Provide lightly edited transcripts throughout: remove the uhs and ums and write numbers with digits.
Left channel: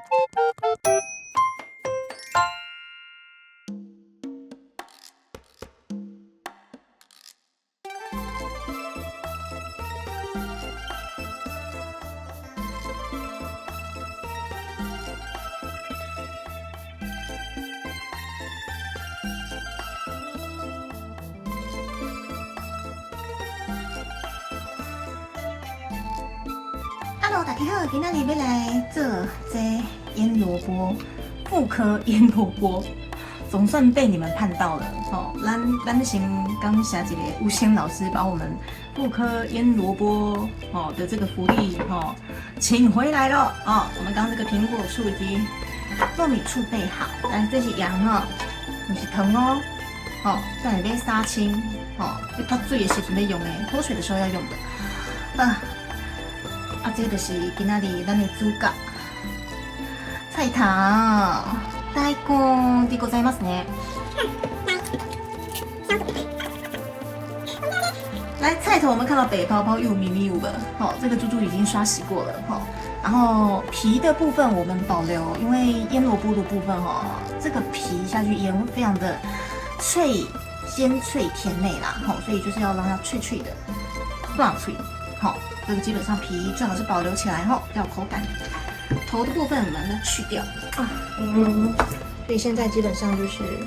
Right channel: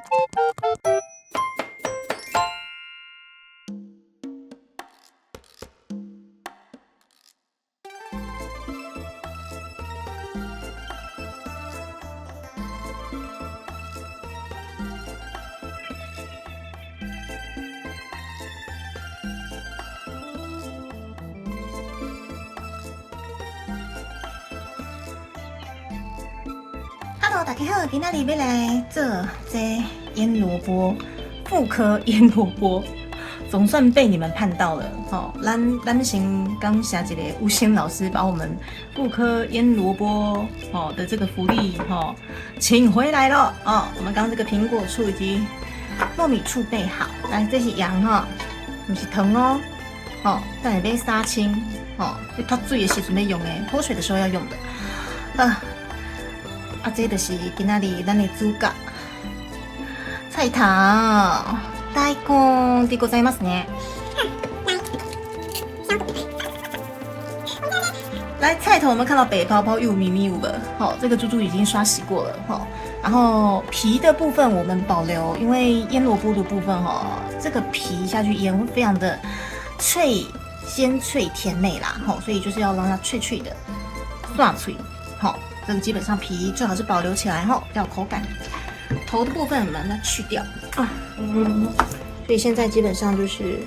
Hello， 大家好，今天要来做这腌萝卜，妇科腌萝卜，总算被你们看到了。哦，咱先感谢一个吴仙老师把我们妇科腌萝卜的这个福利请回来了哦。我们刚刚这个苹果醋以及糯米醋备好，但这是羊不是糖哦。但是要杀青要脱水的时阵要用的，脱水的时候要用的。这就是今仔日咱的主角菜头大根でございますね。来，菜头我们看到白泡泡又咪咪有了，这个猪猪已经刷洗过了，然后皮的部分我们保留，因为腌萝卜的部分这个皮下去腌非常的脆、鲜脆、甜美啦，所以就是要让它脆脆的、爽脆，这个基本上皮最好是保留起来比较有口感。头的部分我们把它去掉所以现在基本上就是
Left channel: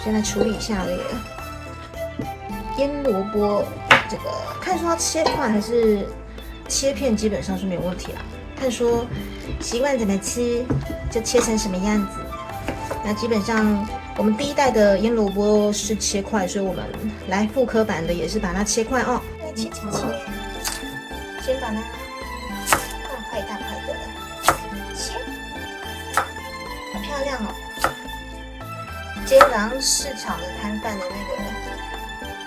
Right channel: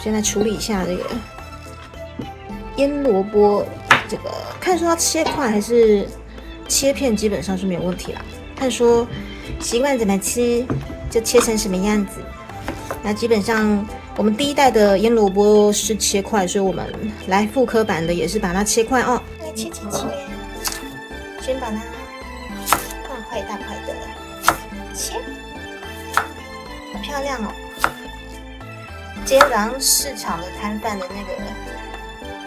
现在处理一下这个腌萝卜，这个看说要切块还是切片，基本上是没有问题啦。看说习惯怎么切就切成什么样子。那基本上我们第一代的腌萝卜是切块，所以我们来复刻版的也是把它切块切，先把它大块的切，好漂亮哦！街坊市场的摊贩的那个，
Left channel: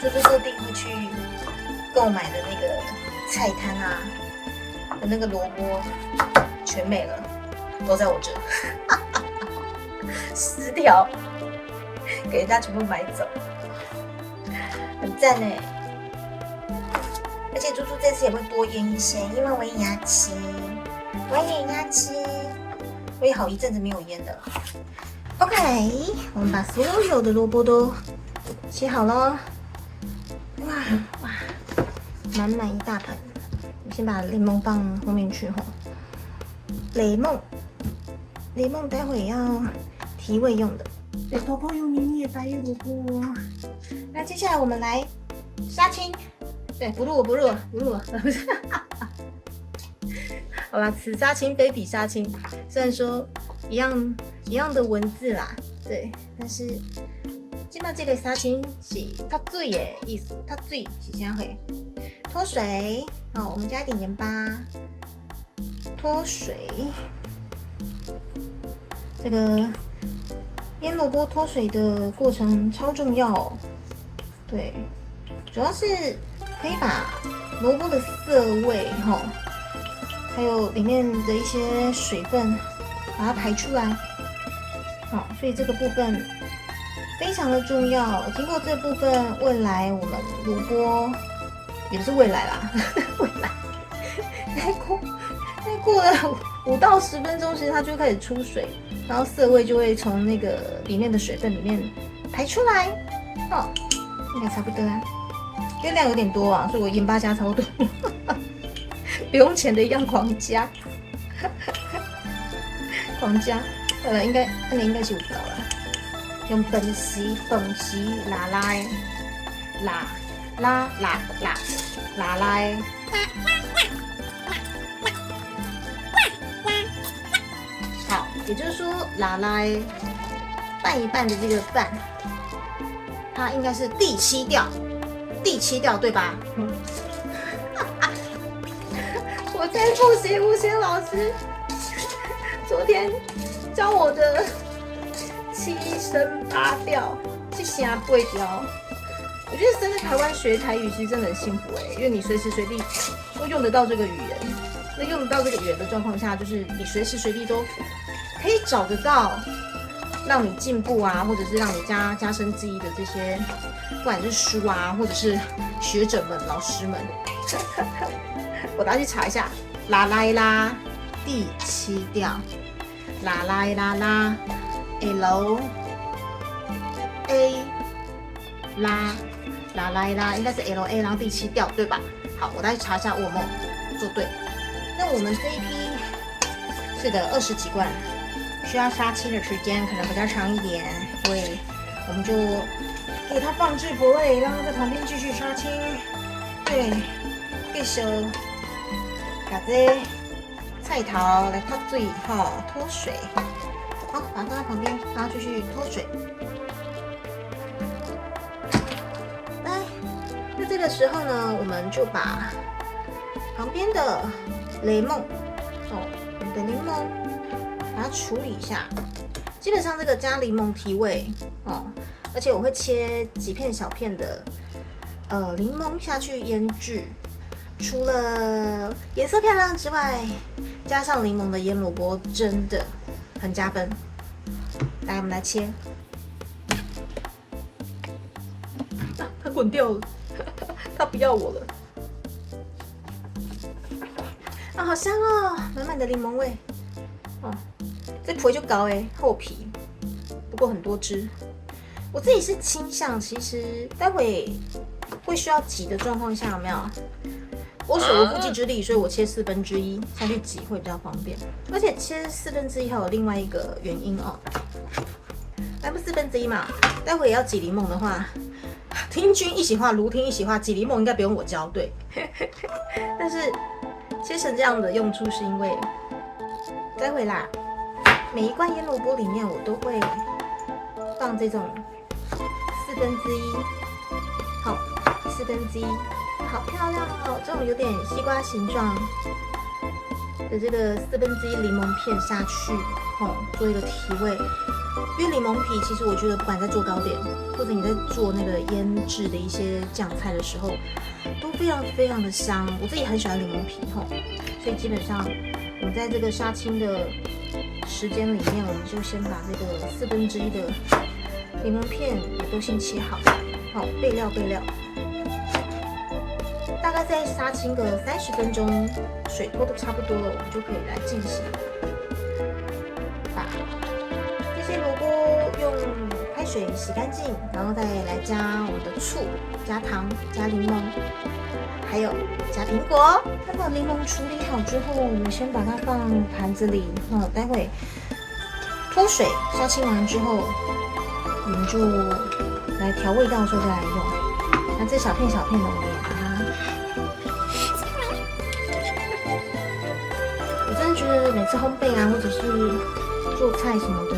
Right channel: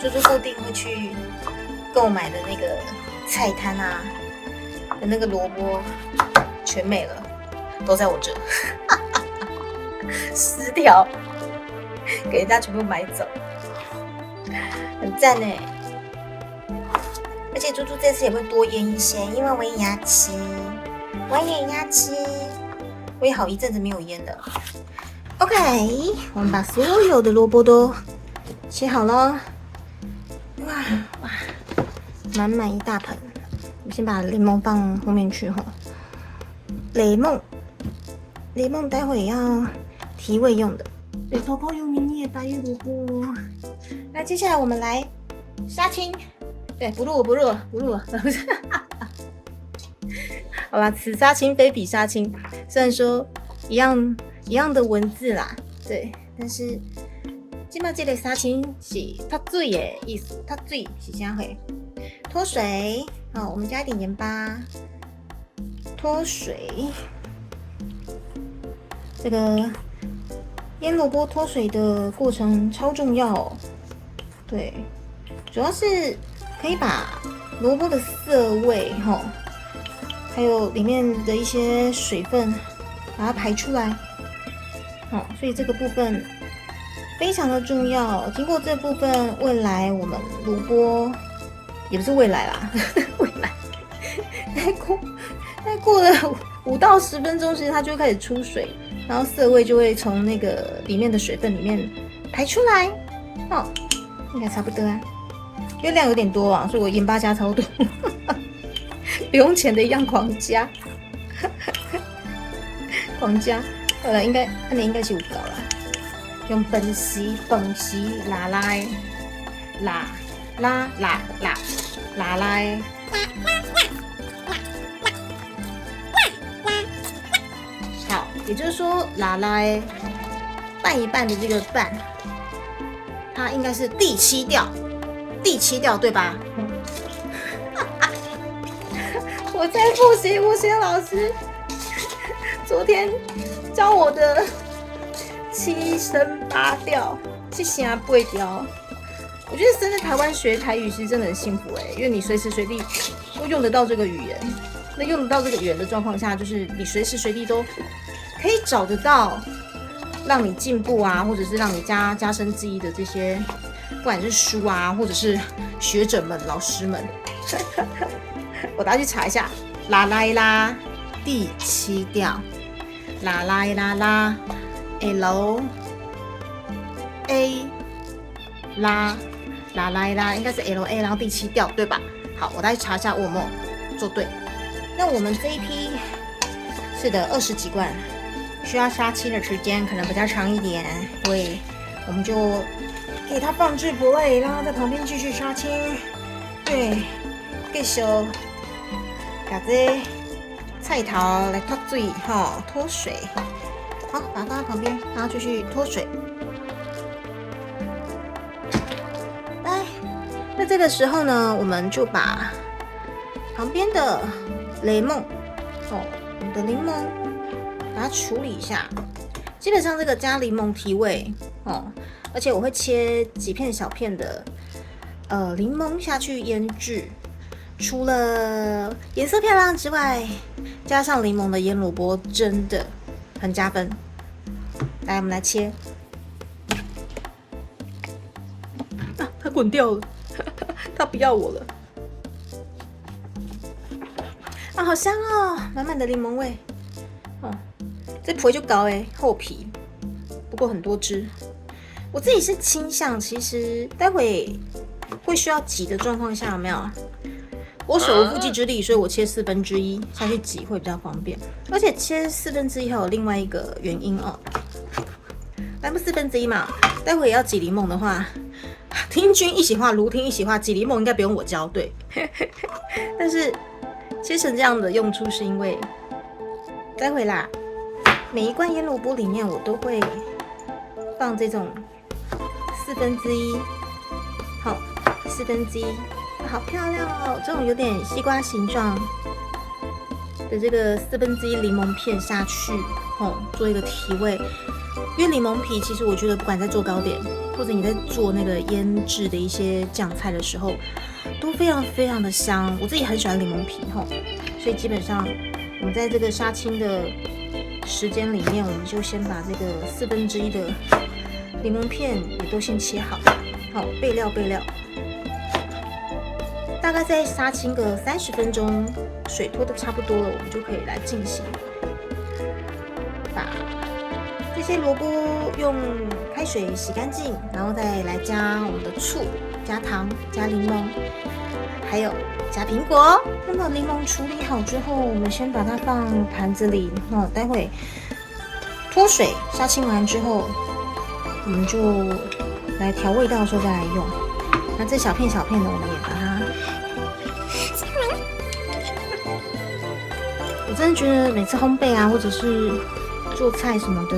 就是固定会去购买的那个菜摊的那个萝卜，全没了，都在我这，撕掉，给人家全部买走，很赞呢。而且猪猪这次也会多腌一些，因为我也要吃，我也好一阵子没有腌了。OK， 我们把所有的萝卜都切好了，哇，满满一大盆。我先把雷蒙放后面去雷蒙待会也要提味用的。对，泡泡又咪咪的白玉萝卜。那接下来我们来杀青。对，不录，好啦，此杀青非彼杀青，虽然说一样的文字啦，对，但是今麦这个杀青是脱水的意思，脱水是啥会？脱水，我们加一点盐巴，脱水。这个腌萝卜脱水的过程超重要对，主要是可以把萝卜的涩味还有里面的一些水分把它排出来所以这个部分非常的重要。经过这部分，未来我们萝卜也不是未来啦，未来再过了5到10分钟，其实它就会开始出水，然后涩味就会从那个里面的水分里面排出来应该差不多啊。因为量有点多所以我盐巴加超多，不用钱的一样狂加，应该是有够了。用本时拉来，好，也就是说拉来拌一拌的这个拌，它应该是第7调对吧？我在复习吴仙老师昨天教我的7声8调，7声8调。我觉得生在台湾学台语其实真的很幸福因为你随时随地都用得到这个语言。那用得到这个语言的状况下，就是你随时随地都可以找得到让你进步或者是让你加深记忆的这些，不管是书或者是学者们、老师们，我大家去查一下，拉来啦，第7调，啦啦啦啦 L A 啦啦啦啦，应该是 L A， 然后第7调对吧？好，我来查一下我有没有做对。那我们这一批是的20几罐，需要杀青的时间可能比较长一点，所以我们就给它放置不位，让它在旁边继续杀青。对，继续把这菜头来脱水脱水。好，把它放在旁边，然后继续脱水。来，那这个时候呢，我们就把旁边的雷梦，我们的柠檬，把它处理一下。基本上这个加柠檬提味而且我会切几片小片的柠檬下去腌制。除了颜色漂亮之外，加上柠檬的腌萝卜真的很加分。来，我们来切。它滚掉了，它不要我了。好香哦，满满的柠檬味。这皮就高厚皮，不过很多汁。我自己是倾向，其实待会会需要挤的状况下，有没有？我手无缚鸡之力，所以我切1/4下去挤会比较方便。而且切1/4还有另外一个原因来不1/4嘛，待会也要挤柠檬的话，听君一席话，如听一席话，挤柠檬应该不用我教，对。但是切成这样的用处是因为，待会啦，每一罐腌萝卜里面我都会放这种1/4，好，1/4。好漂亮哦！这种有点西瓜形状的这个1/4柠檬片下去，做一个提味。因为柠檬皮，其实我觉得不管在做糕点，或者你在做那个腌制的一些酱菜的时候，都非常非常的香。我自己很喜欢柠檬皮所以基本上我们在这个杀青的时间里面，我们就先把这个1/4的柠檬片也都先切好，备料。大概再杀青个30分钟，水拖的差不多了，我们就可以来进行。把这些萝卜用开水洗干净，然后再来加我们的醋、加糖、加柠檬，还有加苹果。那么柠檬处理好之后，我们先把它放盘子里，待会脱水杀青完之后，我们就来调味道的时候再来用。那这小片小片的，我们也把它。我真的觉得每次烘焙或者是做菜什么的，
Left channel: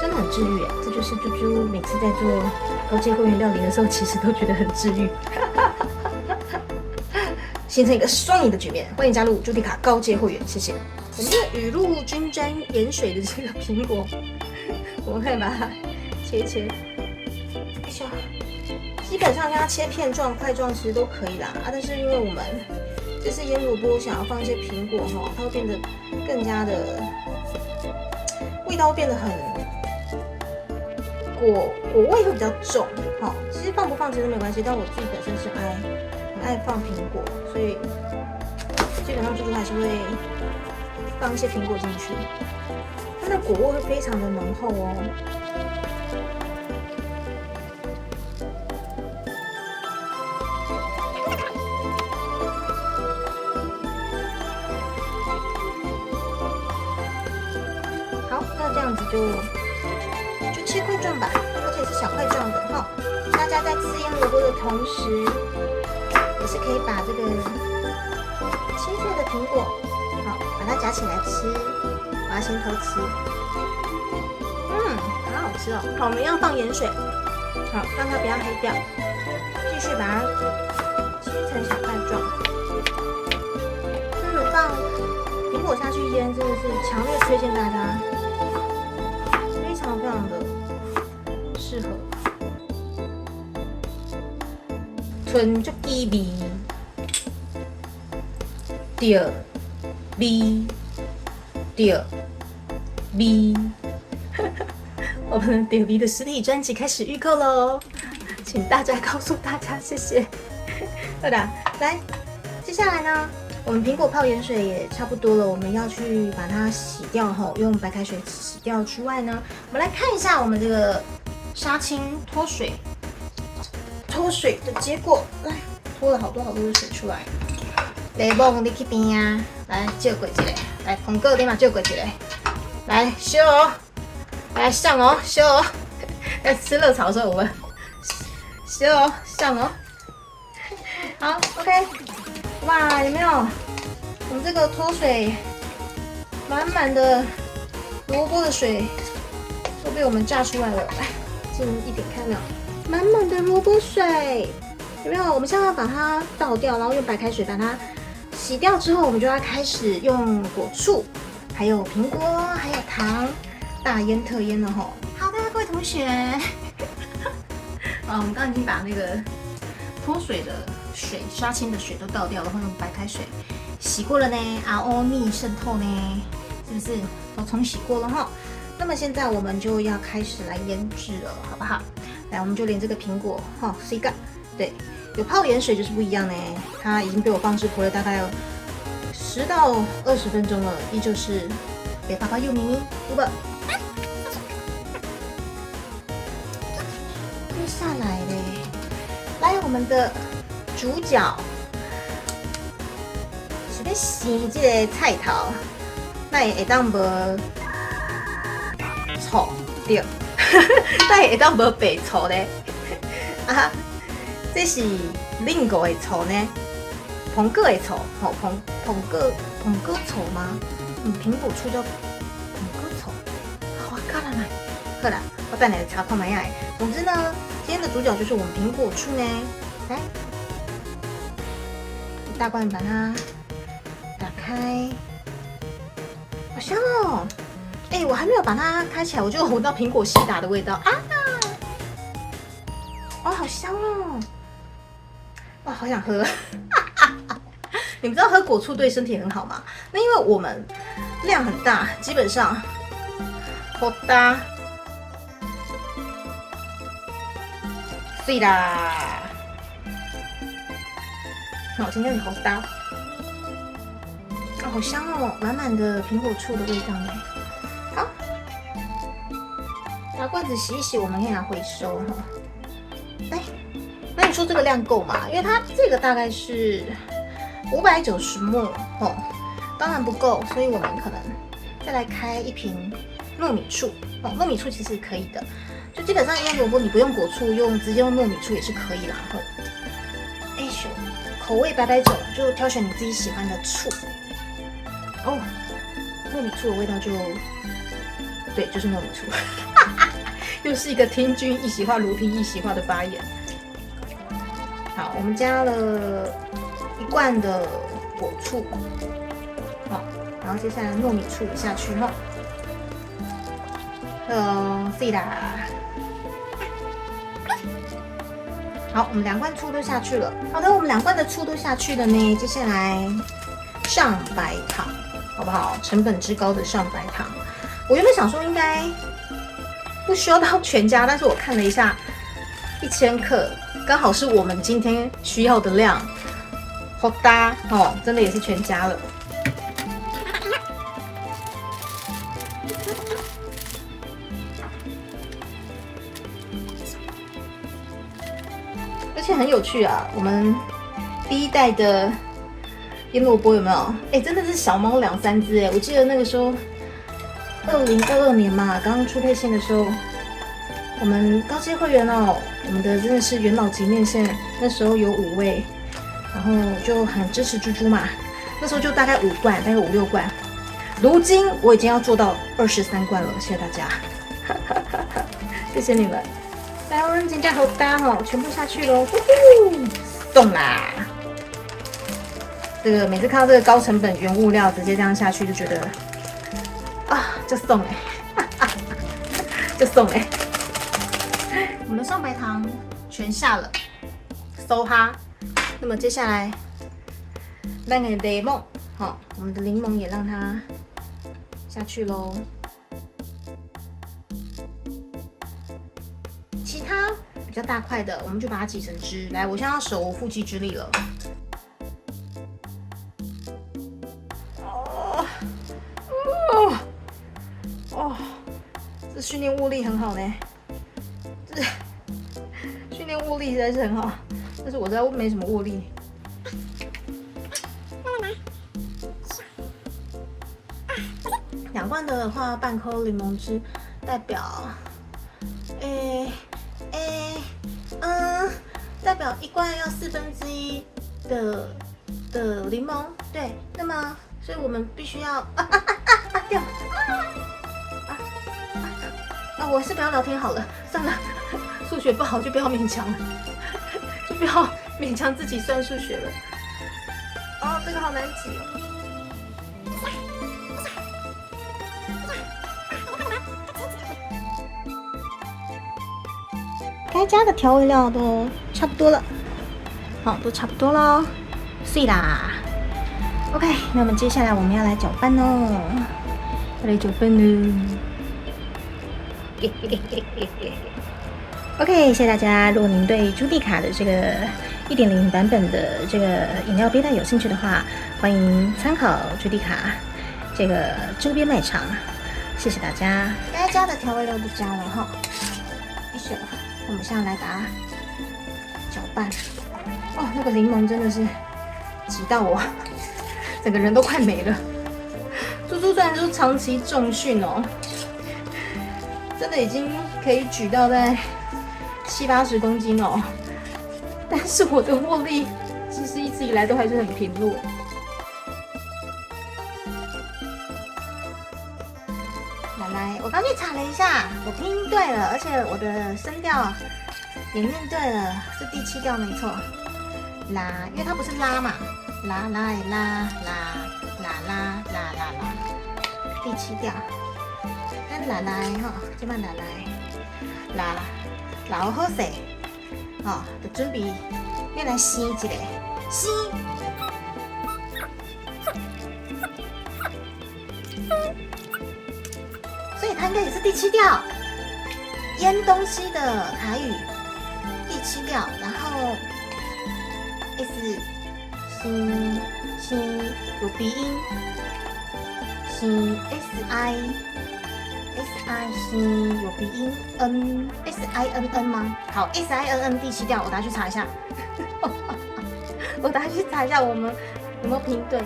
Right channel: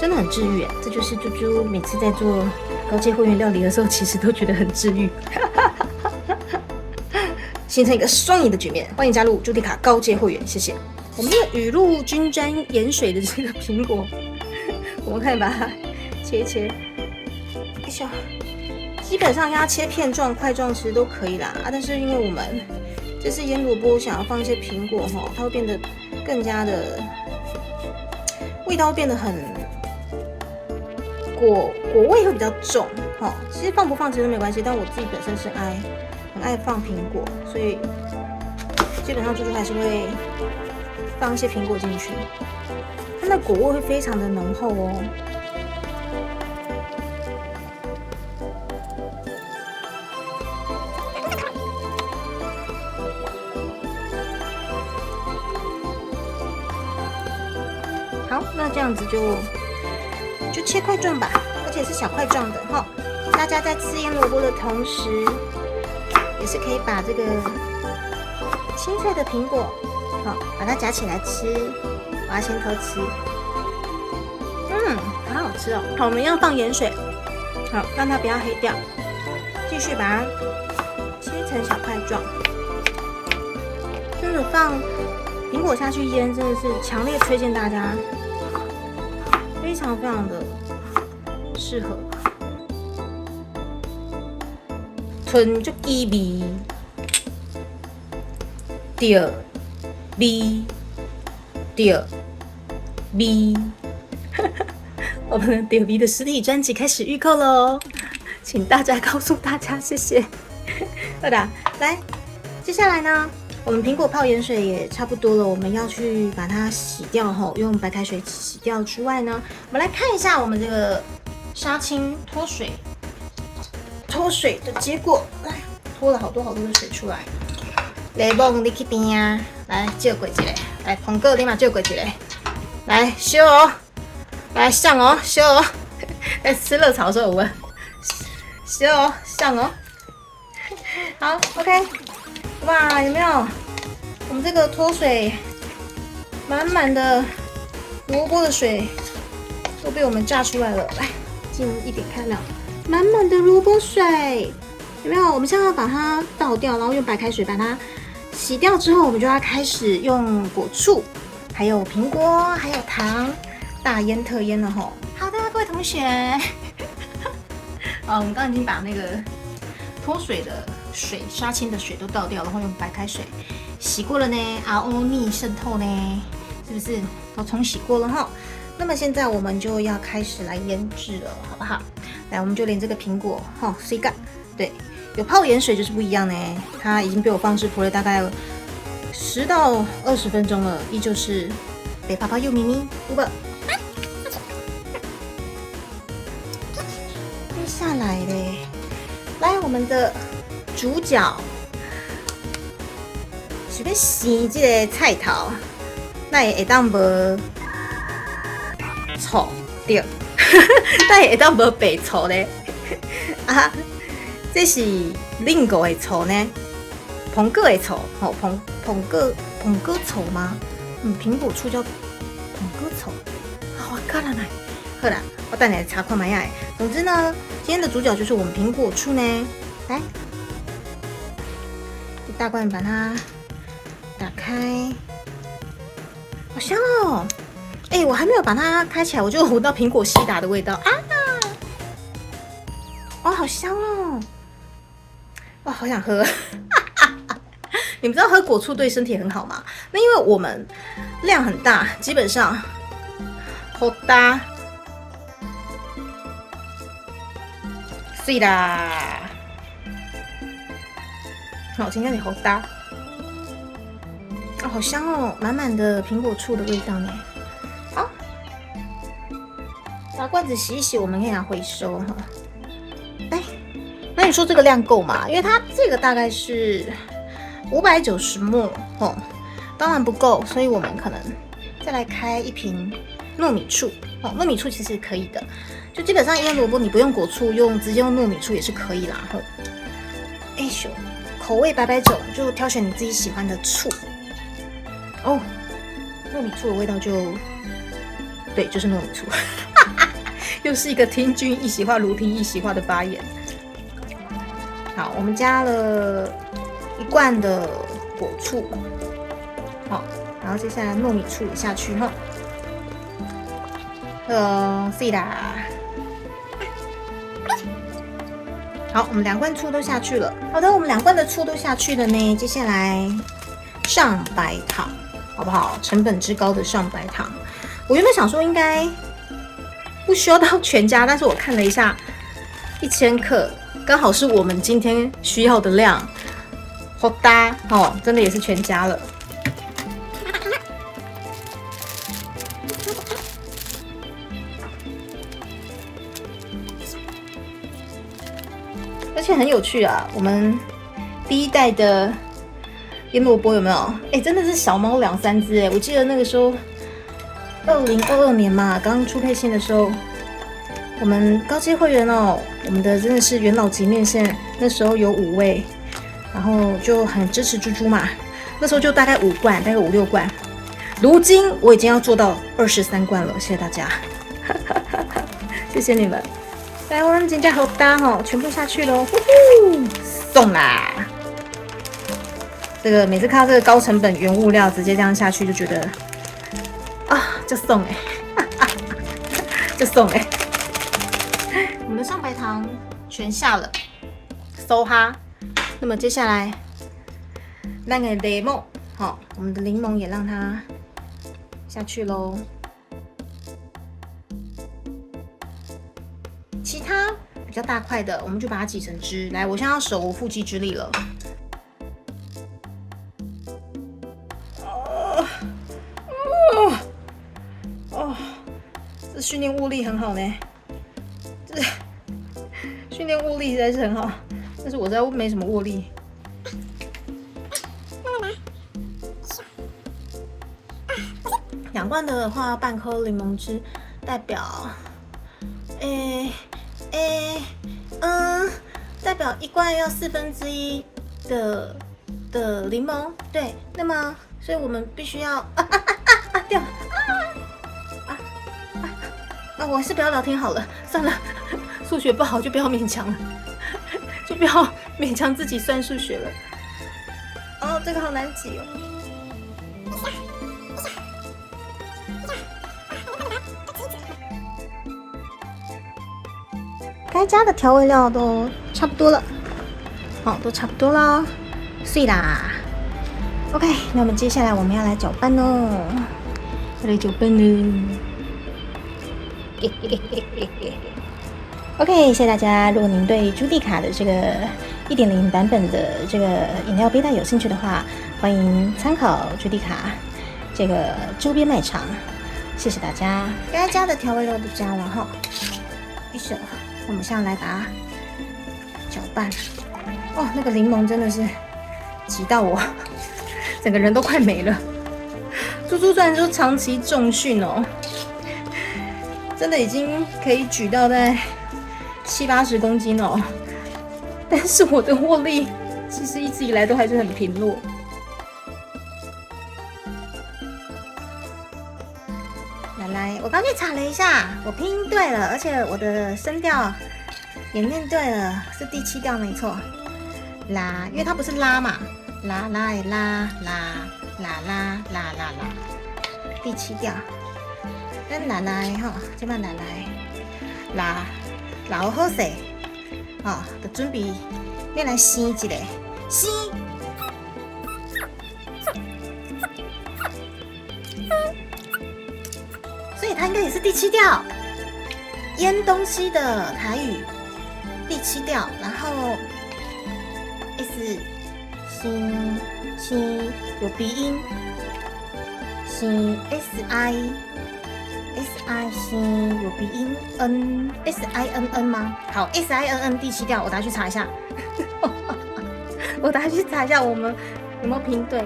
真的很治愈。这就是猪猪每次在做高阶会员料理的时候，其实都觉得很治愈，形成一个双赢的局面。欢迎加入朱迪卡高阶会员，谢谢。我们的雨露均沾盐水的这个苹果，我们可以把它切一切，基本上要切片状、块状其实都可以啦。但是因为我们这是腌萝卜，想要放一些苹果它会变得更加的味道，会变得很果味会比较重其实放不放其实没关系，但我自己本身是很爱放苹果，所以基本上猪猪还是会放一些苹果进去，它的果味会非常的浓厚这样子就切块状吧，而且是小块状的大家在吃腌萝卜的同时，也是可以把这个青菜的苹果把它夹起来吃，把它先偷吃。好好吃哦。好，我们要放盐水，让它不要黑掉，继续把它切成小块状。真的放苹果下去腌，真的是强烈推荐大家。非常的适合，纯足滋味，着味，我们的着味的实体专辑开始预购喽，请大家告诉大家谢谢。好的，来，接下来呢，我们苹果泡盐水也差不多了，我们要去把它洗掉后，用白开水洗掉之外呢，我们来看一下我们这个杀青脱水的结果，来脱了好多的水出来。雷梦你去边啊，来借过一个，来红哥你嘛借过一个，来烧哦，来上哦，烧哦，在吃热炒的时候我们烧哦，上哦，好 ，OK。哇，有没有？我们这个脱水满满的萝卜的水都被我们榨出来了。来，近一点看到满满的萝卜水，有没有？我们现在要把它倒掉，然后用白开水把它洗掉之后，我们就要开始用果醋，还有苹果，还有糖，大腌特腌了吼。好的，各位同学，好，我们刚刚已经把那个脱水的水杀青的水都倒掉了，然后用白开水洗过了呢，RO 逆渗透呢，是不是都冲洗过了哈？那么现在我们就要开始来腌制了，好不好？来，我们就连这个苹果哈，水干，对，有泡盐水就是不一样呢，它已经被我放置了大概10到20分钟了，依旧是北泡泡又咪咪，对吧？接下来嘞，来我们的主角是要洗这个菜头，那会当无醋对，那会当无白醋咧？啊，这是另个的醋呢，苹果的醋，好苹果醋吗？苹果醋叫苹果醋，我看了没？好啦，我带你来查看一下。总之呢，今天的主角就是我们苹果醋呢，来。一大罐把它打开，好香哦！哎，我还没有把它开起来，我就闻到苹果西打的味道啊！哇，好香哦！哇，好想喝！你们知道喝果醋对身体很好吗？那因为我们量很大，基本上好大，对啦。好，今天也好搭，啊，好香哦，满满的苹果醋的味道呢。好，把罐子洗一洗，我们可以拿回收哈。来，那你说这个量够吗？因为它这个大概是590ml哦，当然不够，所以我们可能再来开一瓶糯米醋哦。糯米醋其实可以的，就基本上腌萝卜你不用果醋，直接用糯米醋也是可以啦。吼，哎咻。口味百种，就挑选你自己喜欢的醋。哦，糯米醋的味道对，就是糯米醋。又是一个听君一席话，如听一席话的发言。好，我们加了1罐的果醋，好，然后接下来糯米醋下去哈。是啦。好，我们2罐醋都下去了。好的，我们2罐的醋都下去了呢。接下来上白糖，好不好？成本之高的上白糖，我原本想说应该不需要到全加，但是我看了一下，1000克刚好是我们今天需要的量，好搭哦，真的也是全加了。而且很有趣啊！我们第1代的腌萝卜有没有？哎，真的是小猫2、3只哎！我记得那个时候，2022年嘛，刚出配线的时候，我们高阶会员哦，我们的真的是元老级面线，那时候有5位，然后就很支持猪猪嘛。那时候就大概5罐，大概5、6罐。如今我已经要做到23罐了，谢谢大家，谢谢你们。台湾真的好大哦，全部下去喽，送啦！这个每次看到这个高成本原物料直接这样下去，就觉得啊，就送就送我们的上白糖全下了，收哈。那么接下来那个柠檬，好，我们的柠檬也让它下去喽。其他比较大块的，我们就把它挤成汁。来，我现在要手无缚鸡之力了。这训练握力很好呢，这训练握力实在是很好，但是我实在没什么握力。2罐的话，半颗柠檬汁代表，代表1罐要1/4的柠檬，对，那么所以我们必须要掉我是不要聊天好了，算了，数学不好就不要勉强了，就不要勉强自己算数学了。哦，这个好难挤哦。该加的调味料都差不多了，好，都差不多了，碎啦。OK， 那么接下来我们要来搅拌哦，要来搅拌喽。OK， 谢谢大家。如果您对朱蒂卡的这个1.0版本的这个饮料背带有兴趣的话，欢迎参考朱蒂卡这个周边卖场。谢谢大家。该加的调味料都加了哈，我们现在来把它搅拌。哇，那个柠檬真的是挤到我，整个人都快没了。猪猪虽然说长期重训哦，真的已经可以举到在70-80公斤哦，但是我的握力其实一直以来都还是很贫弱。来，我刚去查了一下，我拼音对了，而且我的声调也念对了，是第7调没错。啦，因为它不是拉嘛，啦啦拉啦啦啦啦啦啦，第7调。咱来来吼，即摆来来老好势，吼，就准备要来生一个生。所以它应该也是第7调，腌东西的台语第7调，然后 S 生有鼻音，生 SI 有鼻音 SINN 吗？好 SINN 第7调，我等下去查一下。我等下去查一下我们有没有拼对。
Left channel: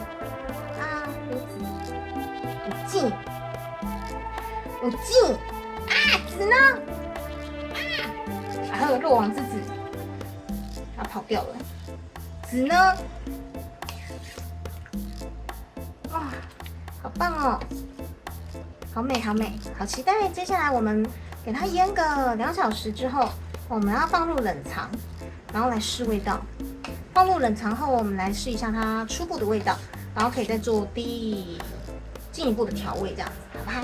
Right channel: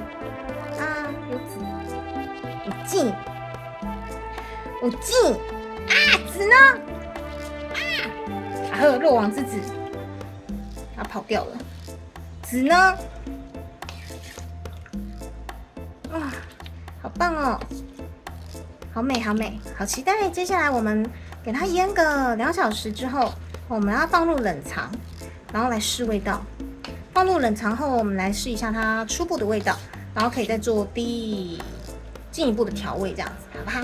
有劲子呢？还有肉王之子，他跑掉了。子呢？哇，好棒哦！好美，好美，好期待！接下来我们给它腌个2小时之后，我们要放入冷藏，然后来试味道。放入冷藏后，我们来试一下它初步的味道，然后可以再做进一步的调味，这样子，好不好？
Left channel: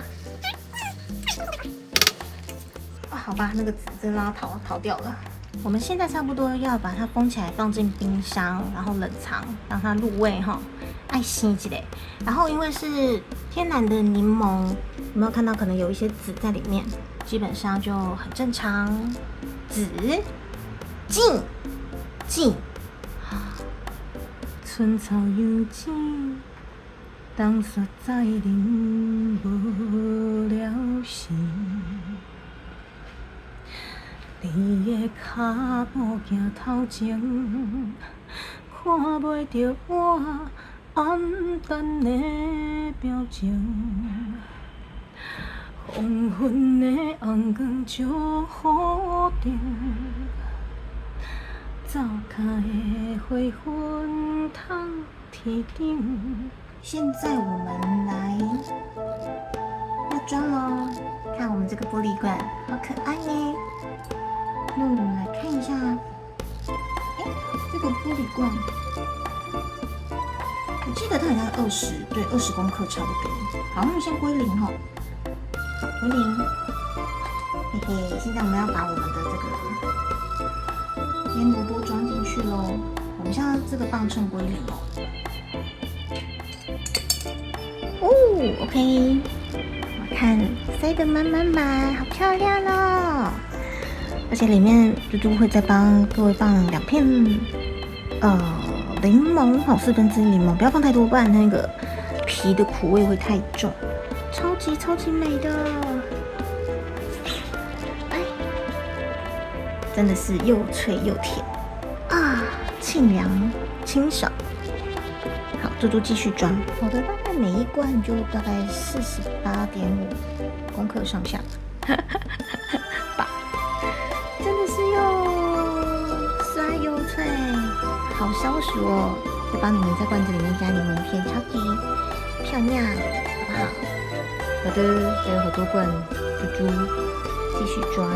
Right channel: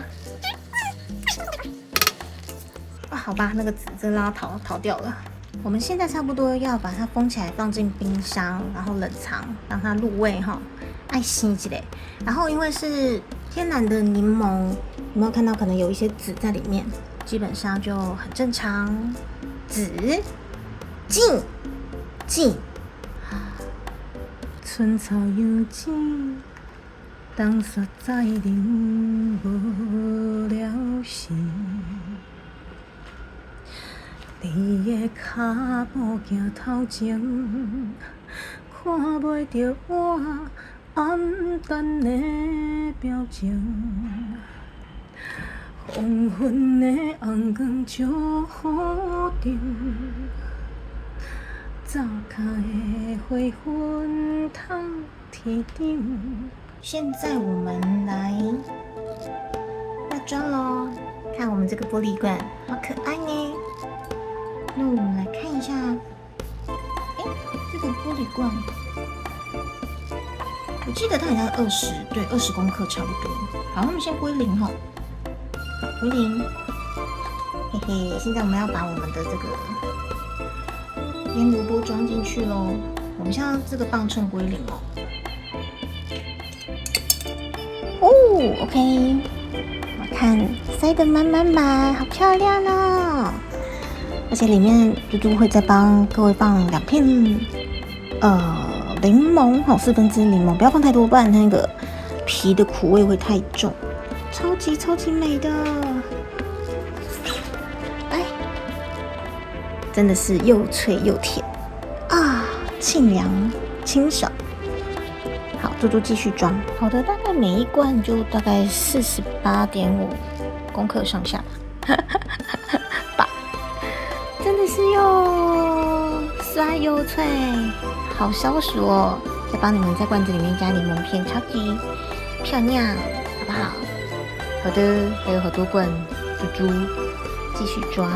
好吧，那个籽真的要逃掉了。我们现在差不多要把它封起来，放进冰箱，然后冷藏，让它入味哈，爱惜起来。然后因为是天然的柠檬，有没有看到可能有一些籽在里面？基本上就很正常。籽浸，春草犹静，当雪在林无了时。你的脚步行头前，看袂着我黯淡的表情。黄昏的红光照雨中，走开的花粉透天顶。现在我们来要装咯，看我们这个玻璃罐，好可爱呢。那我们来看一下，这个玻璃罐，我记得它好像20公克差不多。好，我们先归零哈，归零，嘿嘿。现在我们要把我们的这个腌萝卜装进去喽。我们现在这个磅秤归零哦。OK， 我看塞得满满满，好漂亮哦。而且里面猪猪会再帮各位放2片柠檬，好，1/4柠檬，不要放太多，不然那个皮的苦味会太重。超级美的，真的是又脆又甜啊，沁凉清爽。好，猪猪继续装。好的，大概每一罐就大概48.5公克上下吧。真的是又酸又脆，好消暑哦！再帮你们在罐子里面加柠檬片，超级漂亮，好不好？好的，还有好多罐猪猪，继续装。